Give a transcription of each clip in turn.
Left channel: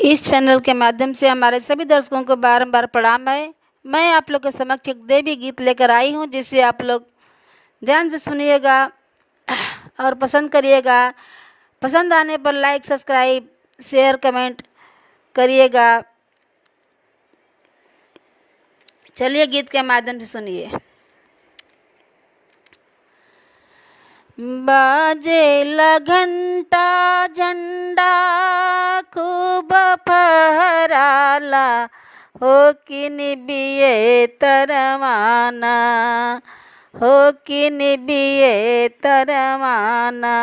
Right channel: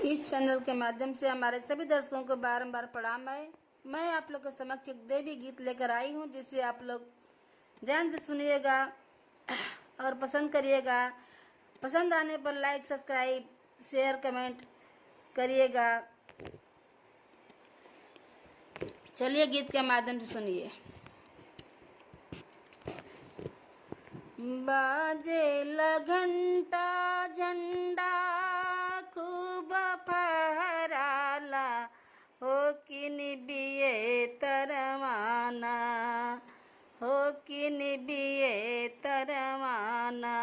इस channel के माध्यम से हमारे सभी दर्शकों को बारंबार प्रणाम है। मैं आप लोग के समक्ष एक देवी गीत लेकर आई हूँ, जिसे आप लोग ध्यान से सुनिएगा और पसंद करिएगा। पसंद आने पर लाइक, सब्सक्राइब, शेयर, कमेंट करिएगा। चलिए गीत के माध्यम से सुनिए। बाजेला घंटा झंडा खूब फहराला, हो कि निबिये तरवाना, हो कि निबिये तरवाना।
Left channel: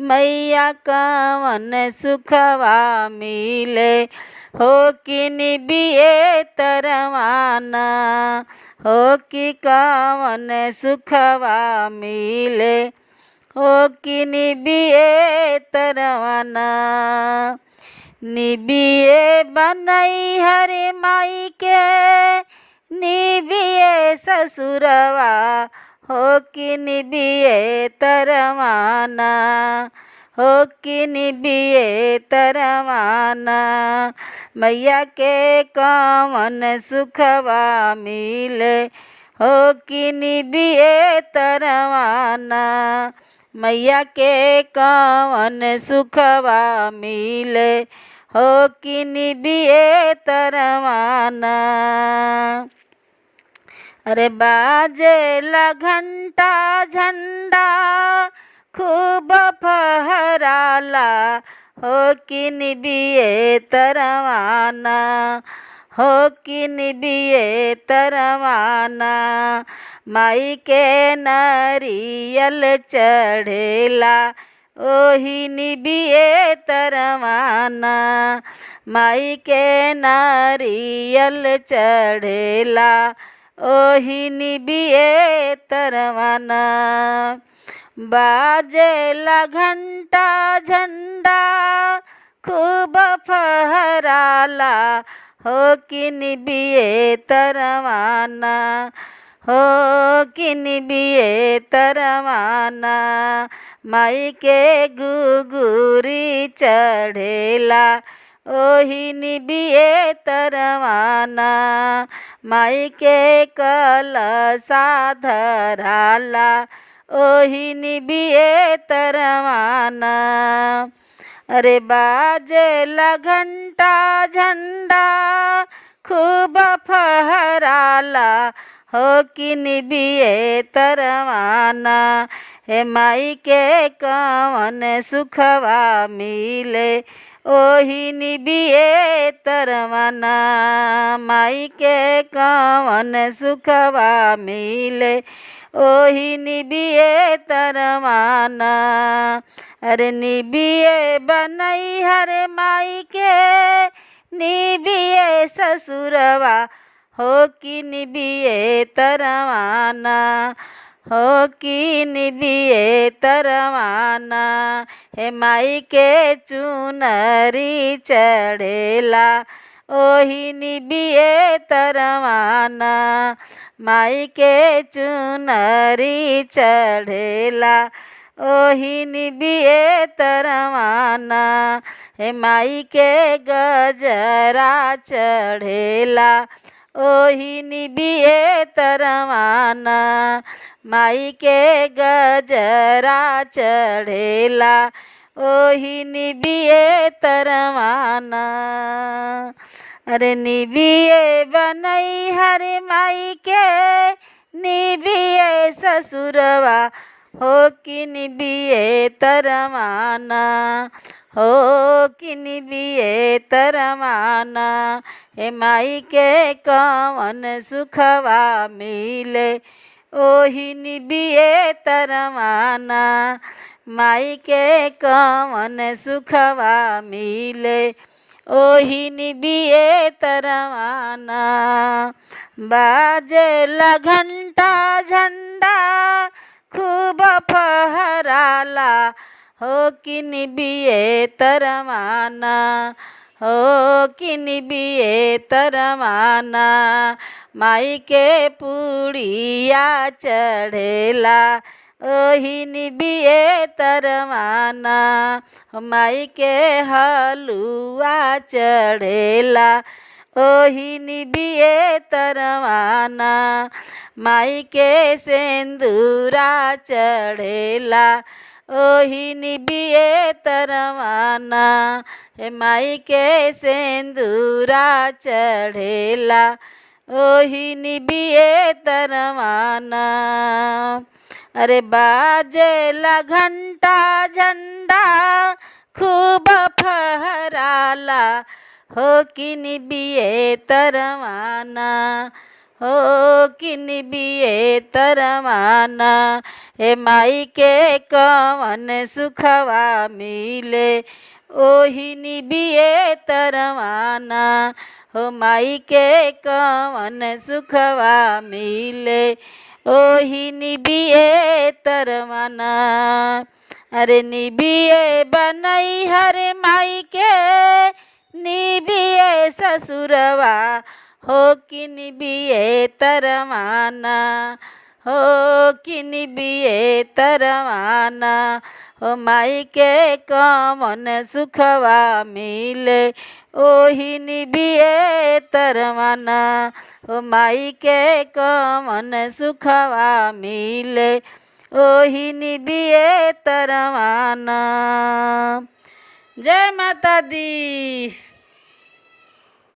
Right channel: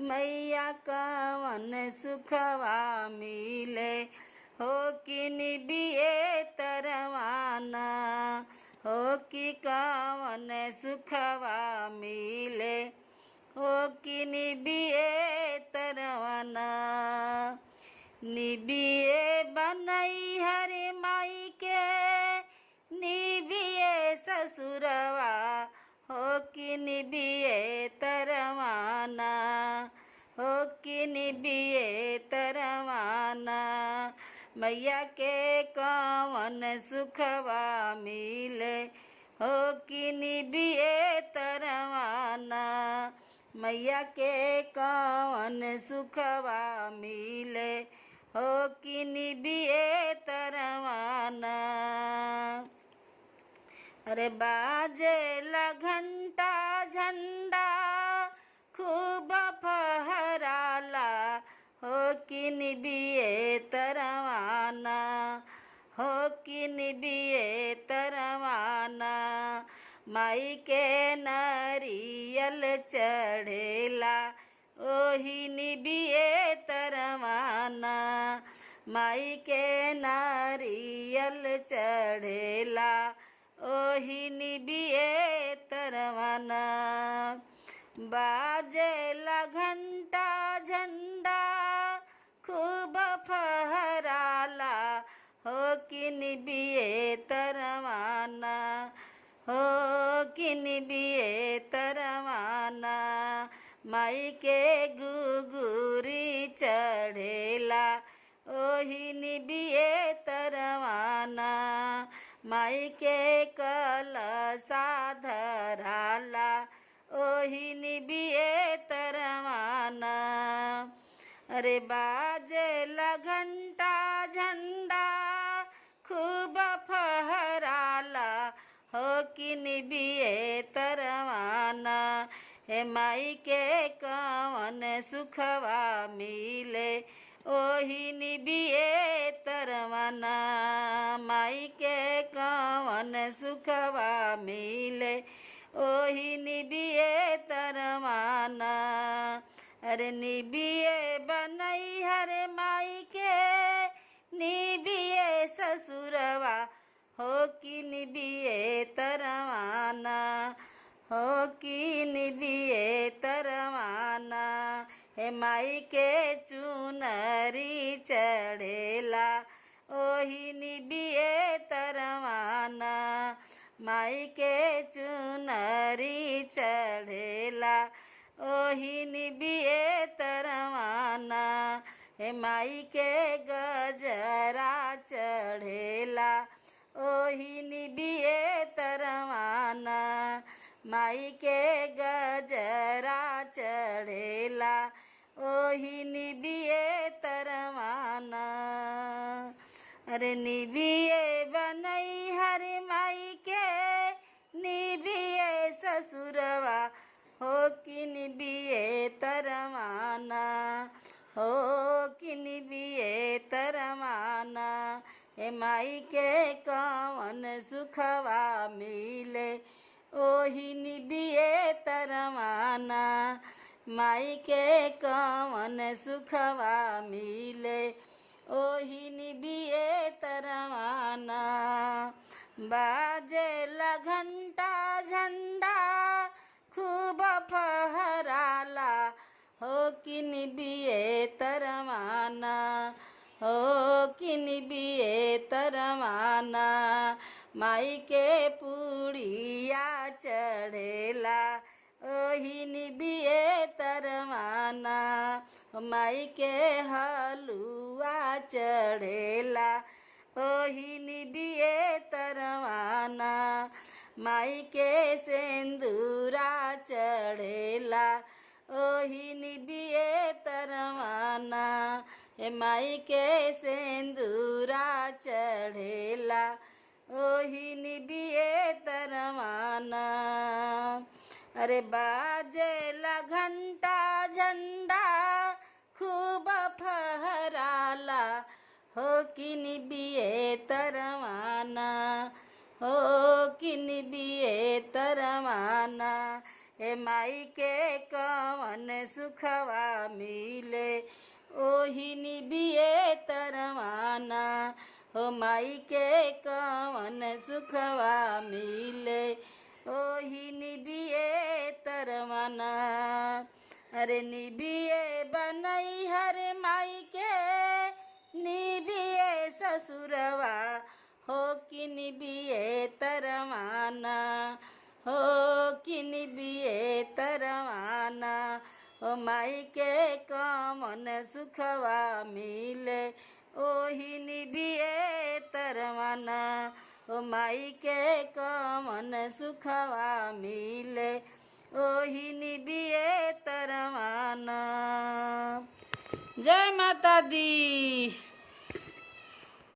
मैया कवन सुखवा मिले, हो कि निबिये तरवाना, हो कि कवन सुखवा मिले, हो कि निबिये तरवाना। निबिये बनई हरे माई के, निबिये ससुरवा, हो कि निबिये तरवाना, हो कि निबिये तरवाना। मैया के कवन सुखवा मिले, हो कि निबिये तरवाना। मैया के कवन सुखवा मिले, हो कि निबिये तरवाना। अरे बाजेला घंटा झंडा खूब फहराला, हो कि निबिये तरवाना, हो कि निबिये तरवाना। माई के नारियल चढ़ेला, ओही निबिये तरवाना। माई के नारियल चढ़ेला, ओही निबिये तरवाना। बाजेला घंटा झंडा खूब फहराला, हो कि निबिये तरवाना, हो कि निबिये तरवाना। माई के गुगुरी चढ़ेला, ओही निबिये तरवाना। माई के कलसा धराला, ओही निबिये तरवाना। अरे बाजेला घंटा झंडा खूब फहराला, हो कि निबिये तरवाना। हे माई के कवन सुखवा मिले, ओही निबिये तरवाना। माई के कवन सुखवा मिले, ओही निबिये तरवाना। अरे निबिये बनई हरे माई के, निबिये ससुरवा, हो कि निबिये तरवाना, हो कि निबिये तरवाना। हे माई के चुनरी चढ़ेला, ओही निबिये तरवाना। माई के चुनरी चढ़ेला, ओही निबिये तरवाना। हे माई के गजरा चढ़ेला, ओही निबिये तरवाना। माई के गजरा चढ़ेला, ओही निबिये तरवाना। अरे निबिये बनई हरे माई के, निबिये ससुरवा, हो कि निबिये तरवाना, हो कि निबिये तरवाना। हे माई के कवन सुखवा मिले, ओही निबिये तरवाना। माई के कवन सुखवा मिले, ओही निबिये तरवाना। बाजेला घंटा झंडा खूब फहराला, हो कि निबिये तरवाना, हो कि निबिये तरवाना। माई के पुड़िया चढ़ेला, ओही निबिए तरवाना माई के हलुआ चढ़ेला ओही निबिए तरवाना माई के सेंदूरा चढ़ेला ओही निबिए तरवाना माई के सेंदूरा चढ़ेला ओही निबिए तरवाना। अरे बाजेला घंटा झंडा खूब फहराला हो कि निबिए तरवाना हो कि निबिए तरवाना हे माई के कवन सुखवा मिले ओही निबिए तरवाना हो माई के कवन सुखवा मिले ओही निबिए तरवाना। अरे निबिए बनई हर माई के निबिए ससुरवा हो कि निबिए तरवाना हो कि निबिए तरवाना हो माई के कवन सुखवा मिले ओही निबिए तरवाना हो माई के कवन सुखवा मिले ओही निबिए तरवाना। जय माता दी।